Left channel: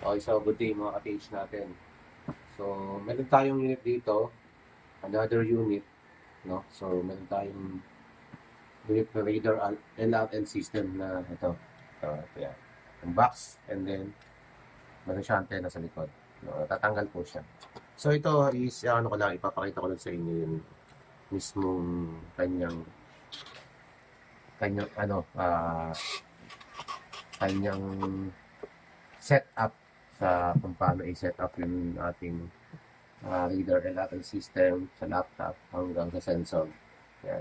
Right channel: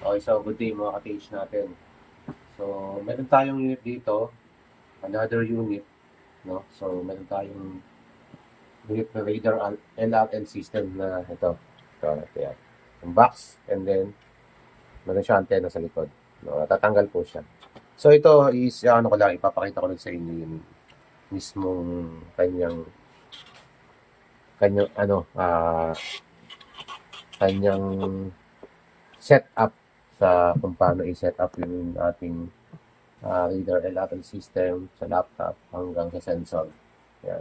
Okay, so good day mga ka-page natin. So, meron tayong unit dito, another unit, no? So, meron tayong unit na radar LRL system na ito. Ito, yan. Yung box, and then, meron siya antenna sa likod. No, tatanggal po siya. So, ito is, ano ko lang, ipapakita ko lang sa inyo yung mismong kanyang, kanyang setup sa kung paano i-set up yung ating reader and Apple system sa laptop hanggang sa sensor. Yan.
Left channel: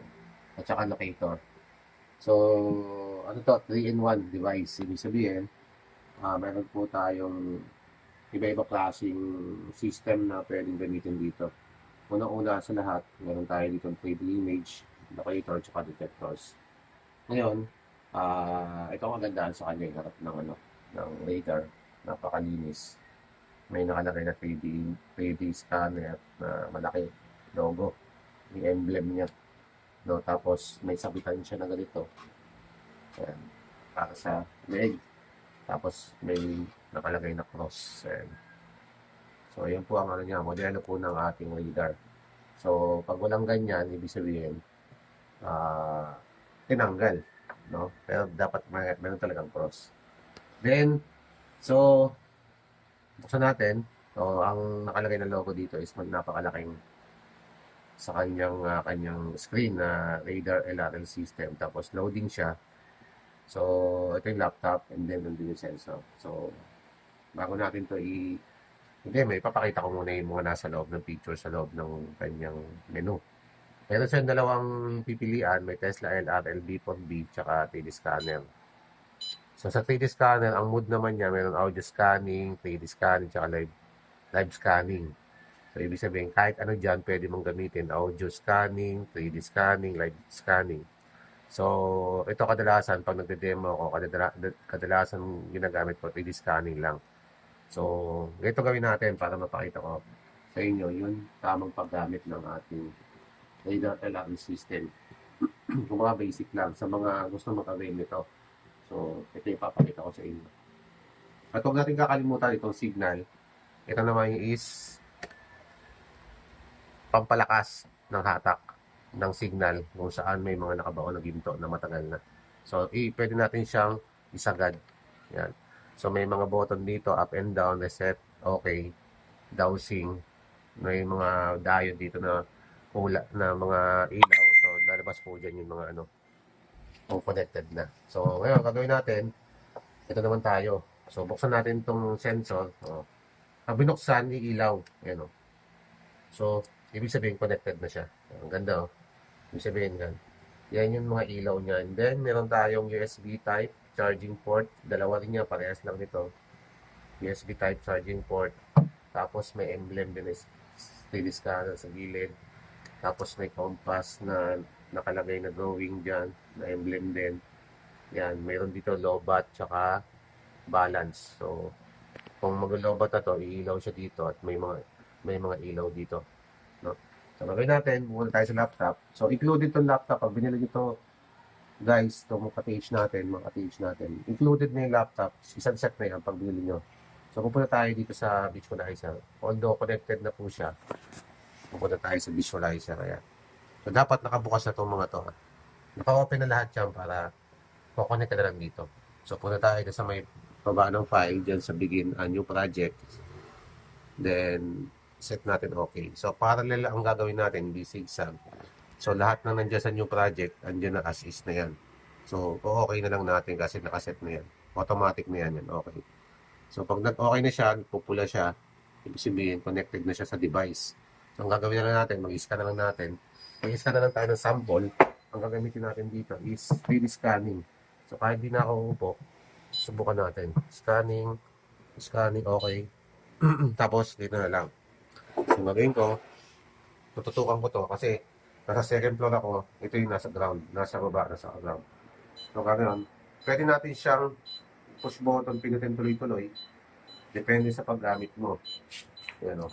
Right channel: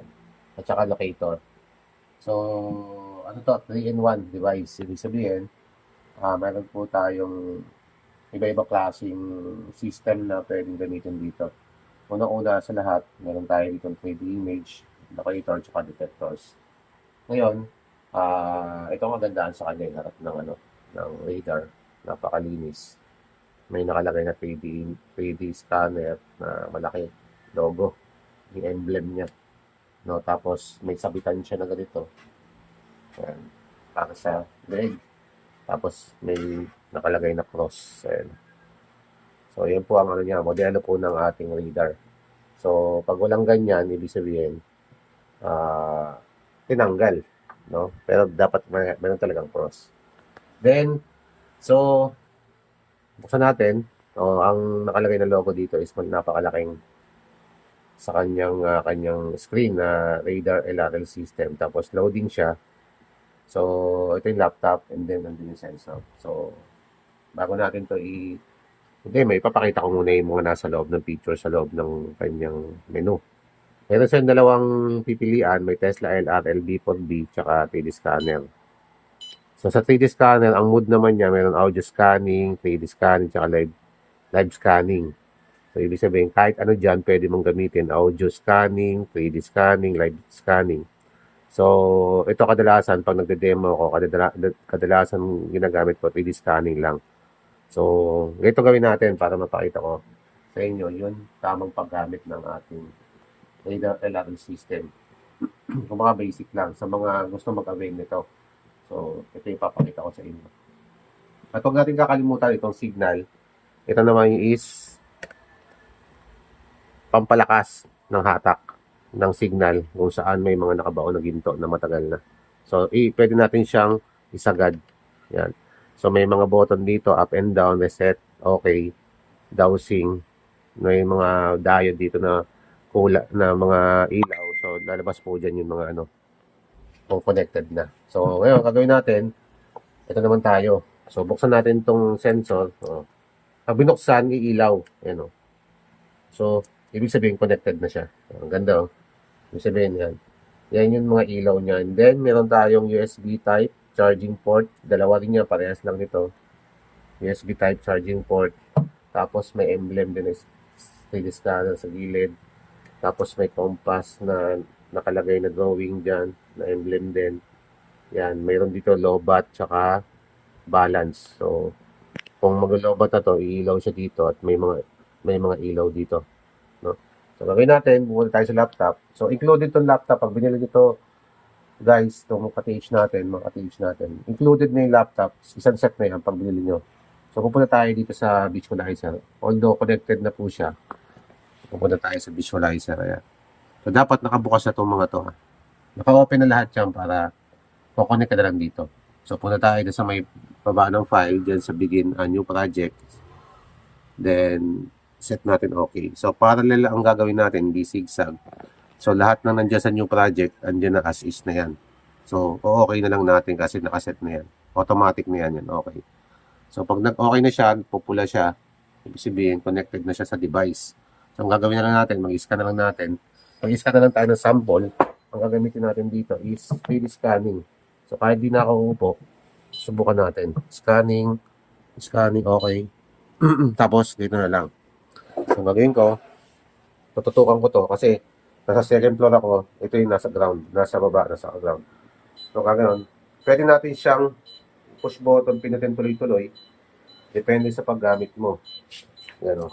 At saka locator. So, ano to? 3-in-1 device. Ibig sabihin, meron po tayong iba-iba klaseng system na pwedeng gamitin dito. Una-una sa lahat, meron tayo dito 3D image, locator, at saka detectors. Ngayon, ito ang magandaan sa kanya, yung harap ng, ng radar. Napakalinis. May nakalagay na 3D scanner na malaki logo, yung emblem niya, no? Tapos may sabitan siya na ganito, ayan, para sa leg. Tapos may nakalagay na cross, ayan. So yun po ang ano niya, modelo po ng ating radar. So pag walang ganyan, ibig sabihin ah tinanggal, no? Pero dapat meron talagang cross. Then, so buksan natin. So, ang nakalagay na logo dito is napakalaking sa kanyang screen na radar LRL system. Tapos loading siya. So, ito yung laptop and then nandun yung sensor. So, bago natin to hindi, may papakita ko muna yung mga nasa loob ng picture sa loob ng kanyang menu. Meron siyang dalawang pipilian. May Tesla LRL B4B tsaka 3D scanner. So, sa 3D scanner, ang mode naman niya, meron audio scanning, 3D scanning, tsaka live scanning. So, ibig sabihin, kahit ano dyan, pwede mong gamitin. Audio scanning, 3D scanning, live scanning. So, ito kadalasan, pag nagde-demo ko, kadalasan ginagamit ko, 3D scanning lang. So, ito gawin natin para mapakita ko sa inyo yung tamang paggamit ng ating radar alarm system. Kung mga basic lang, sa mga gusto mag-avail nito. So, ito yung papakita ko sa inyo. At huwag natin kakalimutan itong signal. Ito naman is pampalakas ng hatak ng signal kung saan may mga nakabaon na ginto na matagal na. So, pwede natin siyang isagad. Yan. So, may mga button dito, up and down, reset, okay, dowsing. May mga diode dito na na mga ilaw. So, lalabas po dyan yung mga kung connected na. So, ngayon, gagawin natin, ito naman tayo. So, buksan natin itong sensor. Pag binuksan, iilaw. Ayan, oh. So, ibig sabihin connected na siya. Ang ganda, oh. Ibig sabihin yan. Yan yung mga ilaw niya. And then, meron tayong USB type charging port. Dalawa rin niya, parehas lang nito. USB type charging port. Tapos may emblem din, 3D scanner sa gilid. Tapos may compass na nakalagay na going dyan, na emblem din. Yan, mayroon dito lobat, tsaka balance. So, kung mag-lobat na to, iilaw siya dito at may mga ilaw dito. No? So, gagawin natin, pumunta tayo sa laptop. So, included tong laptop. Pag binili nito, guys, itong mga ka-TH natin, included na yung laptop. Isang set na yan pag binili nyo. So, pupunta tayo dito sa visualizer. Although, connected na po siya. Pupunta tayo sa visualizer. Ayan. So, dapat nakabukas na itong mga to. Naka-open na lahat yan para kukonek ka na lang dito. So, punta tayo sa may baba ng file, dyan sa begin a new project. Then, set natin okay. So, parallel ang gagawin natin, hindi zigzag. So, lahat na nandiyan sa new project, andyan na as is na yan. So, okay na lang natin kasi nakaset na yan. Automatic na yan. Okay. So, pag nag-okay na siya, pupula siya, ibig sabihin, connected na siya sa device. So, ang gagawin na lang natin, mag-scan na lang natin. Mag-scan na lang tayo ng sample. Ang gagamitin natin dito is 3D scanning. So, kahit di na ako upo, subukan natin. Scanning, okay. Tapos, dito na lang. So, gagawin ko, tututukan ko to kasi nasa second floor ako, ito yung nasa ground, nasa baba, nasa ground. So, kaganoon, pwede natin siyang push button, pinutin tuloy-tuloy, depende sa paggamit mo. Yan o.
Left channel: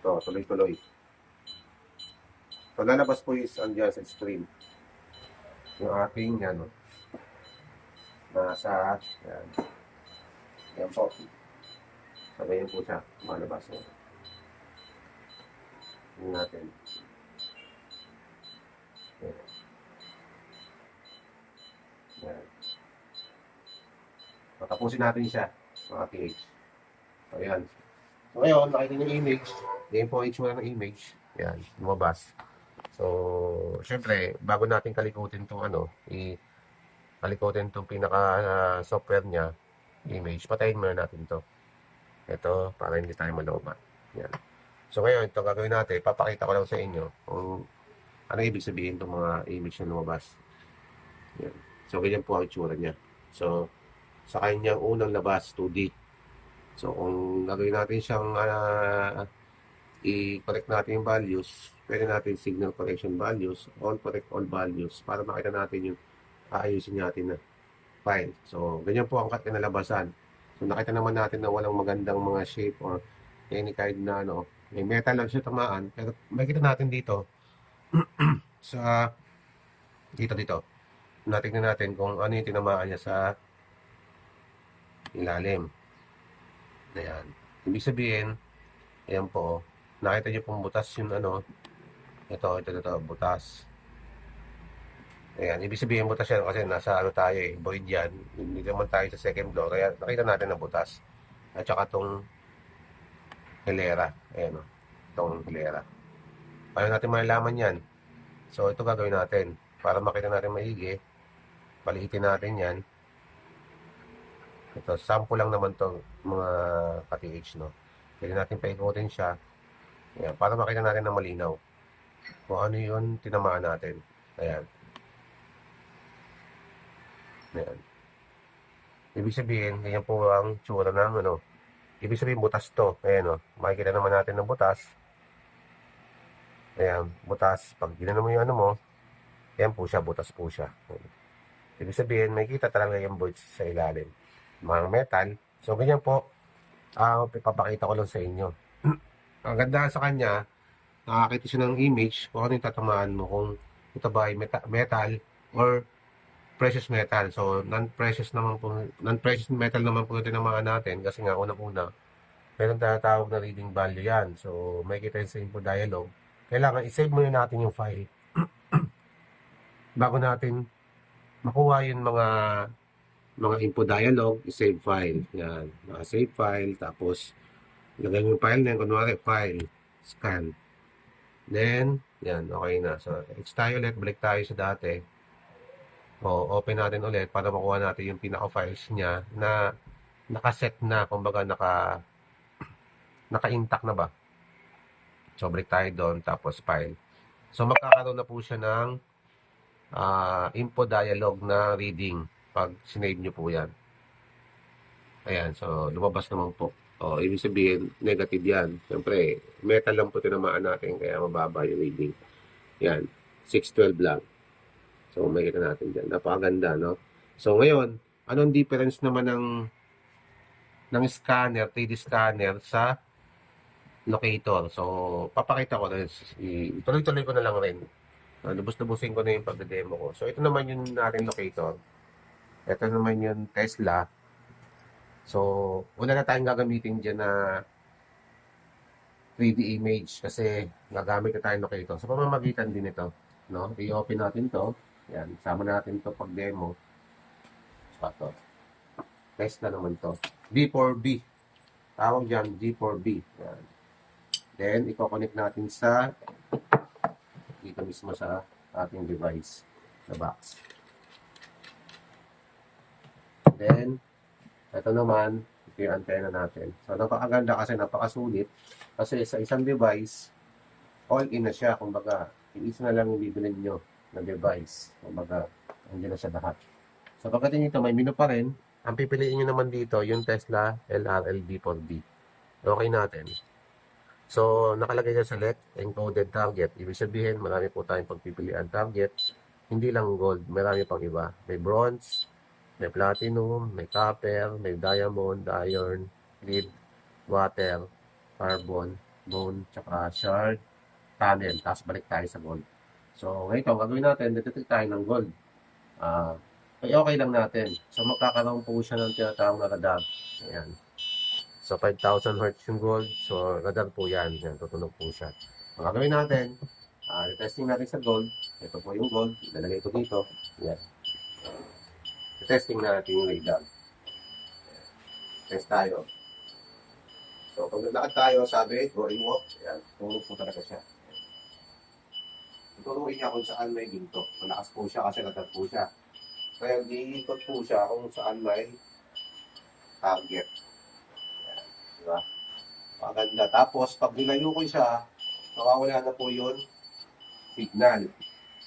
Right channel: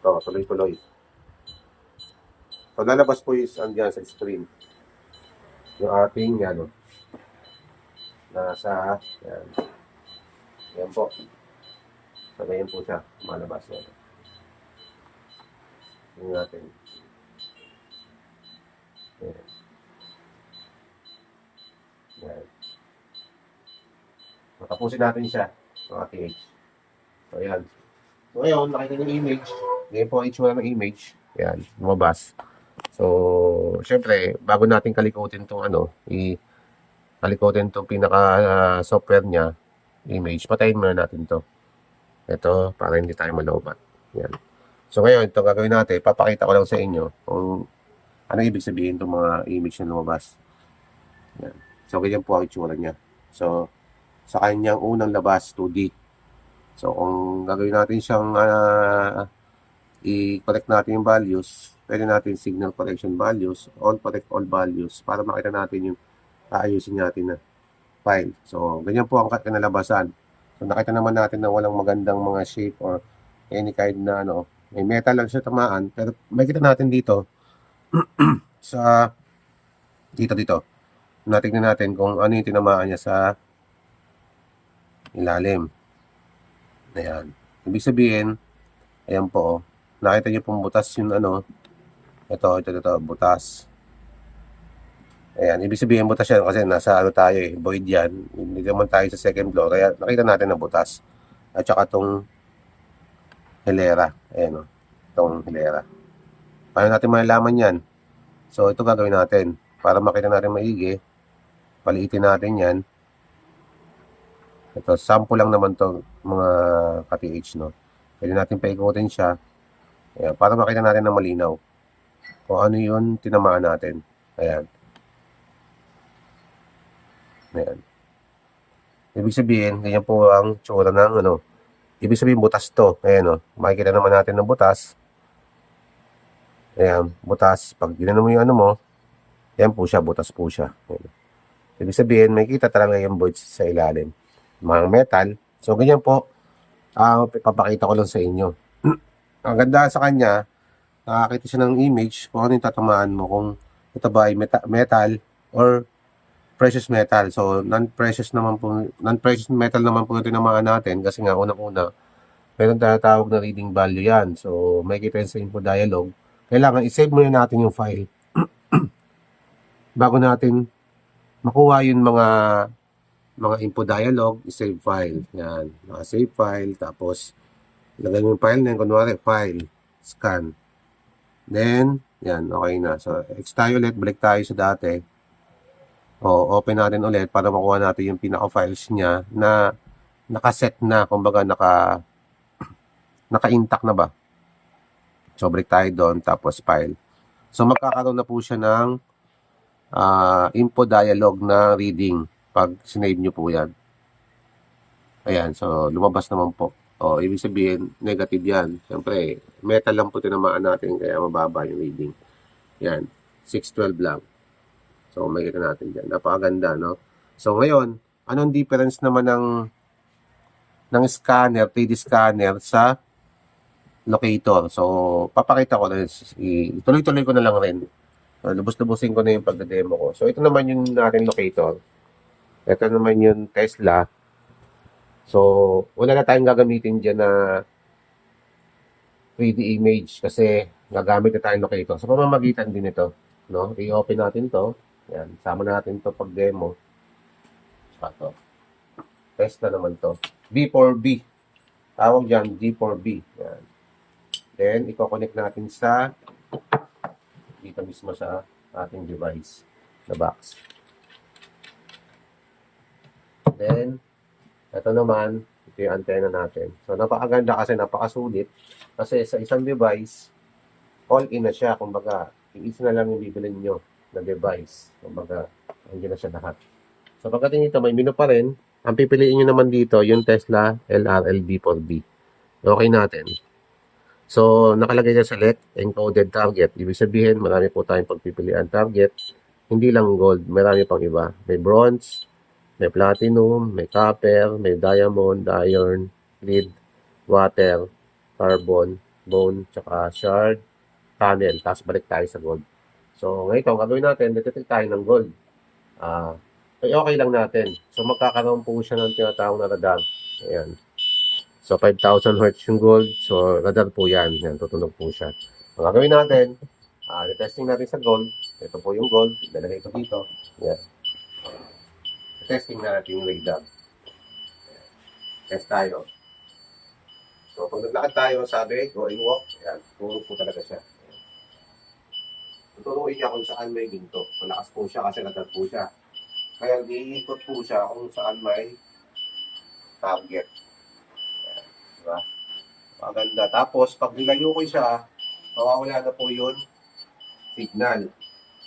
Ito, tuloy-tuloy. Pag lalabas po is andyan sa screen. Yung ating, nasa, yan. Yan po. So, ganyan po siya. Malabas yan. Tingnan natin. Yan. Yan. So, tapusin natin siya. Mga PH. So, ayan. So, ngayon, nakita niyo yung image. Ganyan po ang itsura ng image. Yan. Lumabas. So, syempre, bago natin kalikutin itong kalikutin itong pinaka-software niya, image, patayin muna natin to. Ito, para hindi tayo malaubat. Yan. So, ngayon, ito gagawin natin. Papakita ko lang sa inyo kung ano ibig sabihin itong mga image na lumabas. Yan. So, ganyan po ang itsura niya. So, sa kanyang unang labas, 2D. So, kung gagawin natin siyang i-collect natin yung values, pwede natin signal collection values, all collect all values, para makita natin yung aayusin natin na file. So, ganyan po ang kinalabasan. So, nakita naman natin na walang magandang mga shape or any kind na may metal lang siya tamaan, pero makita natin dito sa dito. Natingnan natin kung ano yung tinamaan niya sa ilalim. Ayan. Ibig sabihin, ayan po, nakita niyo pong butas yung ito, butas. Ayan, ibig sabihin butas yan kasi nasa tayo void yan. Hindi naman tayo sa second floor, kaya nakita natin na butas. At saka itong hilera. Ayan o, itong hilera. Paano natin malalaman yan? So, ito gagawin natin. Para makita natin maigi, paliitin natin yan. Ito, sample lang naman to mga ka-TH, no? Pwede natin paikutin siya. Ayan, para makita natin na malinaw. Kung ano yun, tinamaan natin. Ayan. Ayan. Ibig sabihin, ganyan po ang tsura ng ibig sabihin, butas to. Ayan, makikita naman natin ng butas. Ayan, butas. Pag ginano mo yung mo, ayan po siya, butas po siya. Ayan. Ibig sabihin, makikita talaga yung voids sa ilalim. Mga metal. So, ganyan po. Papakita ko lang sa inyo. Ang ganda sa kanya, nakakita siya ng image kung ano yung tatamaan mo. Kung ito ba ay metal or precious metal. So, non-precious metal naman po yung tinamaan natin kasi nga unang-una, meron tinatawag na reading value yan. So, makikita yun sa info dialog. Kailangan i-save muna natin yung file bago natin makuha yung mga info dialog, i-save file. Yan. Save file. Tapos, lagay mo yung file na yun. Kunwari, file. Scan. Then, yan. Okay na. So, tayo ulit. Balik tayo sa dati. Open natin ulit para makuha natin yung pinaka-files niya na nakaset na. Kumbaga, naka-intact na ba? So, balik tayo doon. Tapos, file. So, magkakaroon na po siya ng info dialog na reading pag sinave nyo po yan. Ayan, so lumabas naman po. Ibig sabihin, negative yan. Siyempre, metal lang po tinamaan natin, kaya mababa yung reading. Yan, 612 lang. So, makikita natin dyan. Napakaganda, no? So, ngayon, anong difference naman ng scanner, 3D scanner sa locator? So, papakita ko na, tuloy-tuloy ko na lang rin. Lubos-lubusin ko na yung pagdademo ko. So, ito naman yung ating locator. Ito naman yung Tesla. So, wala na tayong gagamitin dyan na 3D image kasi gagamit na tayong locator. So, pamamagitan din ito. No? I-open natin to. Yan. Sama natin to pag demo. Saka to. Tesla naman to. B4B. Tawag dyan, D4B. Yan. Then, i-connect natin sa dito mismo sa ating device. Sa box. Then, ito naman, ito yung antenna natin. So, napakaganda kasi napakasulit. Kasi sa isang device, all-in na siya. Kumbaga, yung isa na lang yung bibilin nyo na device. Kumbaga, hindi na siya lahat. So, pagdating dito, may menu pa rin. Ang pipiliin nyo naman dito, yung Tesla LRLD4B. Okay natin. So, nakalagay na select, encoded target. Ibig sabihin, marami po tayong pagpipilian target. Hindi lang gold, marami pang iba. May bronze, may platinum, may copper, may diamond, iron, lead, water, carbon, bone, tsaka shard, tunnel. Tapos balik tayo sa gold. So, ngayon, kung gagawin natin, detect tayo ng gold. ay okay lang natin. So, magkakaroon po siya ng tinatawag na radar. Ayan. So, 5,000 hertz yung gold. So, radar po yan. Yan, tutunog po siya. Ang gagawin natin, testing natin sa gold. Ito po yung gold. Lalagay ito dito. Yan. Testing natin yung radar. Test tayo. So, pag naglakad tayo, sabi, go and walk. Yan, tunog po talaga siya. Tutunuin niya kung saan may ginto. Malakas po siya kasi radar po siya. Kaya iikot po siya kung saan may target. Yan, di ba? Maganda. Tapos, pag nilayo ko siya, mawawala na po yun signal.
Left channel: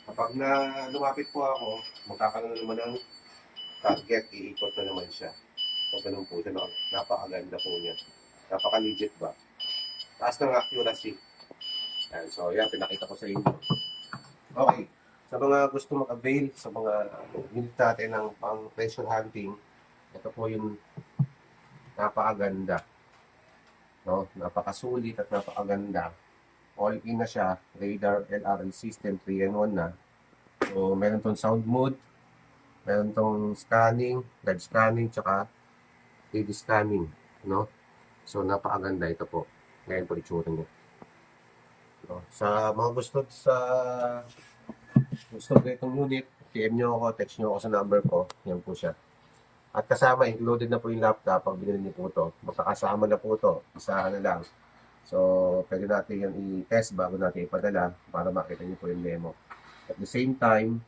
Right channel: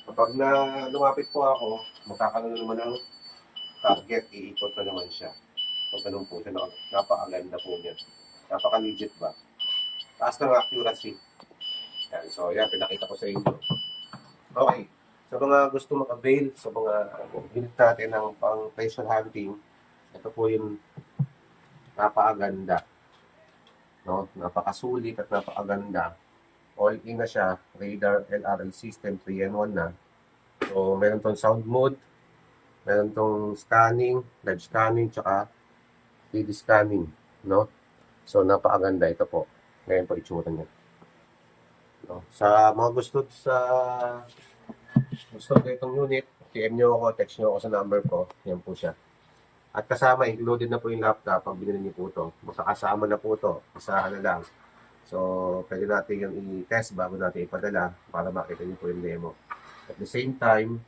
Kapag na lumapit po ako, magkakaroon na naman ng target, iikot na naman siya. So, ganun po siya. Napakaganda po niya. Napaka-legit ba? Taas ng accuracy. Yan. So, yan. Pinakita ko sa inyo. Okay. Sa mga gusto mag-avail, sa mga unit natin ng pang treasure hunting, ito po yung napakaganda. No? Napakasulit at napakaganda. All-in na siya. Radar LRL system 3-in-1 na. So, meron tong sound mode, meron tong scanning, live scanning, tsaka 3D scanning, no? So, napakaganda ito po. Ngayon po itsura niya. No? Sa mga gusto ko itong unit, PM nyo ako, text nyo ako sa number ko. Yan po siya. At kasama, included na po yung laptop pag binili niyo po ito. Magkakasama na po ito. Isahan na lang. So, pwede natin yung i-test bago natin ipadala para makita niyo po yung demo. At the same time,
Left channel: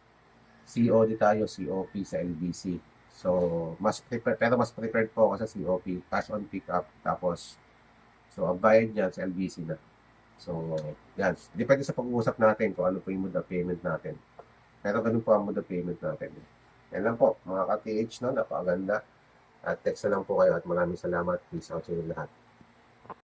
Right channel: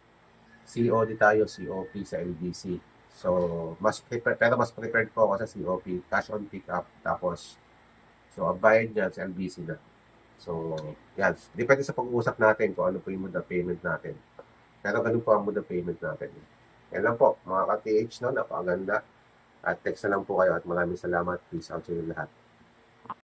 COD tayo, COP sa LBC. So, pero mas prepared po ako sa COP, cash on pickup, tapos, so, ang bayad niya sa LBC na. So, yan. Depende sa pag-uusap natin kung ano po yung mode of payment natin. Pero ganun po ang mode of payment natin. Yan lang po, mga ka-TH, no? Napakaganda. At text na lang po kayo at maraming salamat. Peace out sa inyo lahat.